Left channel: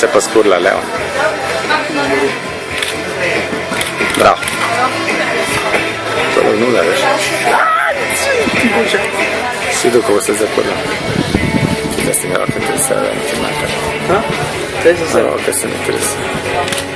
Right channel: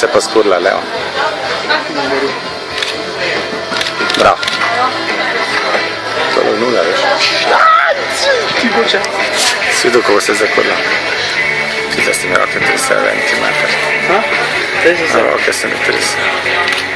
se può scullare. Bravo. Tipo c'è. Si tu come se sei quello. Che ti stiamo a che ti stai Ah? Adesso sei. No, che sei triste.